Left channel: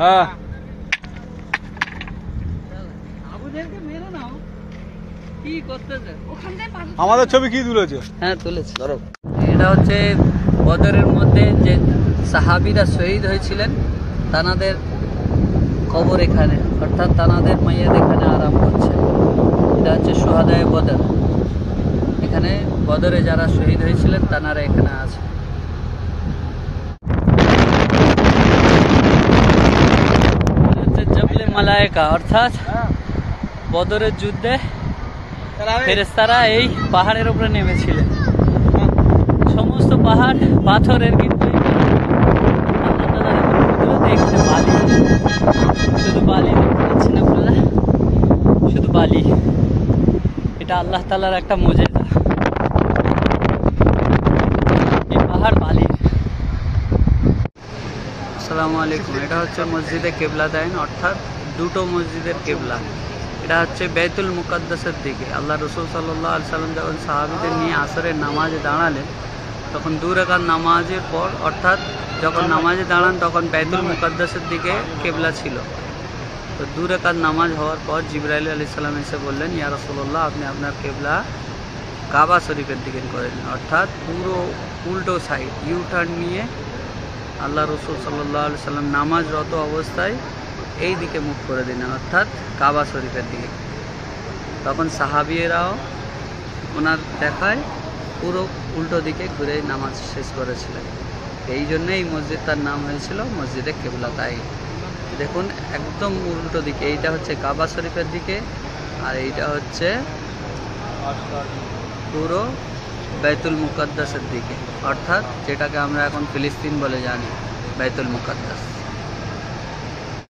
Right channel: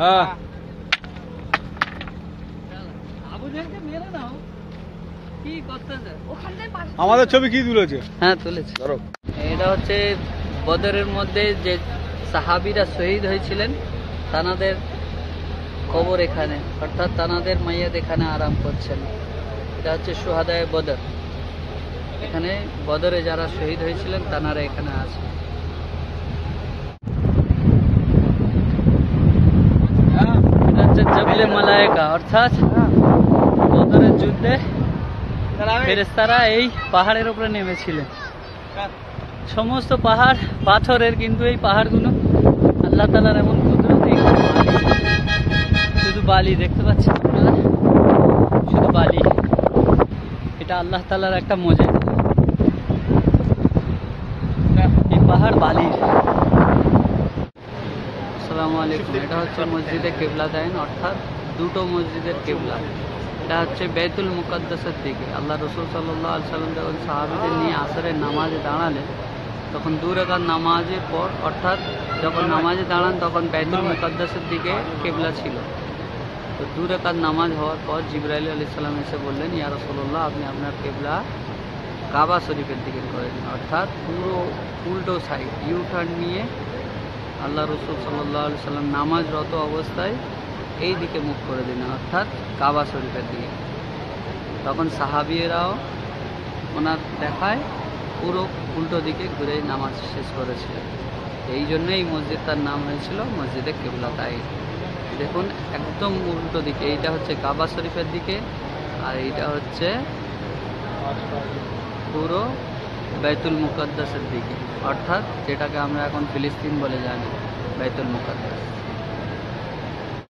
হ্যাঁ আমাদের ছবি কি তুলেছে? হ্যাঁ তুলেছে। এটা হচ্ছে বদরের মধ্যে যে সাহাবীরা শহীদ হয়েছিলেন তানাদের কবর এখানে, অর্থাৎ তানাদের মাইয়াদ এখানে আরাম করছে। এটা হচ্ছে শুহাদায়ে বদর। এখানে বদরে যারা শহীদ হয়েছিলেন তানারা এখানে আছে। এটা হচ্ছে জবলে মালায়েকা, অর্থাৎ বদরের যুদ্ধে ফেরেশতারা এই পাহাড়ের উপরে নেমেছিলেন। সমস্ত পাহাড় পাথরের, কিন্তু এই পাহাড়গুলো আল্লাহ তাআলার এমন কুদরত, এখানে বালি, শুধু বালি দেখতে পাচ্ছেন আপনারা, শুধু বালি। এটা আল্লাহ তাআলার একটা মুজিজা, এই পাহাড় বালির। আসসালামু আলাইকুম। এটা হচ্ছে মসজিদে কিবলাতাইন, অর্থাৎ দুটো মসজিদের কিবলা। এটা হচ্ছে বাইতুল মুকাদ্দাসের দিকে। আল্লাহ রাসূল সাল্লাল্লাহু আলাইহি সাল্লাম যখন সাহাবীদের নিয়ে আসরের নামাজে দাঁড়ালেন, তখন 2 রাকাত নামাজের পর, অর্থাৎ যখন নামাজে দাঁড়ান তখন বাইতুল মুকাদ্দাসের দিকে কিবলা ছিল। তো 2 রাকাত নামাজ হওয়ার পর জিবরাইল আলাইহিস সালাম এসে বললেন, ইয়া রাসূলুল্লাহ, আপনি আপনার কিবলা কাবা শরীফের দিকে করেন, অর্থাৎ পুরো উল্টো সাইড ইউ টার্ন নিয়ে আল্লাহ রাসূল সাল্লাল্লাহু আলাইহি সাল্লাম নামাজরত অবস্থায় এই দিকে মুখ করে দিন, অর্থাৎ কাবা শরীফের দিকে। তখন সাহাবীরাও ওনার দেখায় পুরো উল্টো দিকে ঘুরে নামাজ শেষ করেছিলেন। এই জন্যই এই মসজিদটার নাম হয়েছিল মসজিদে কিবলাতাইন। দেখুন একদম উল্টো দিকে, এইটা হচ্ছে কাবা শরীফের দিকে, আর এইটা হচ্ছে পুরো বাইতুল মুকাদ্দাসের দিকে, অর্থাৎ যেটাকে আমরা এখন ফিলিস্তিন বলে জানি, বাইতুল মুকাদ্দাস।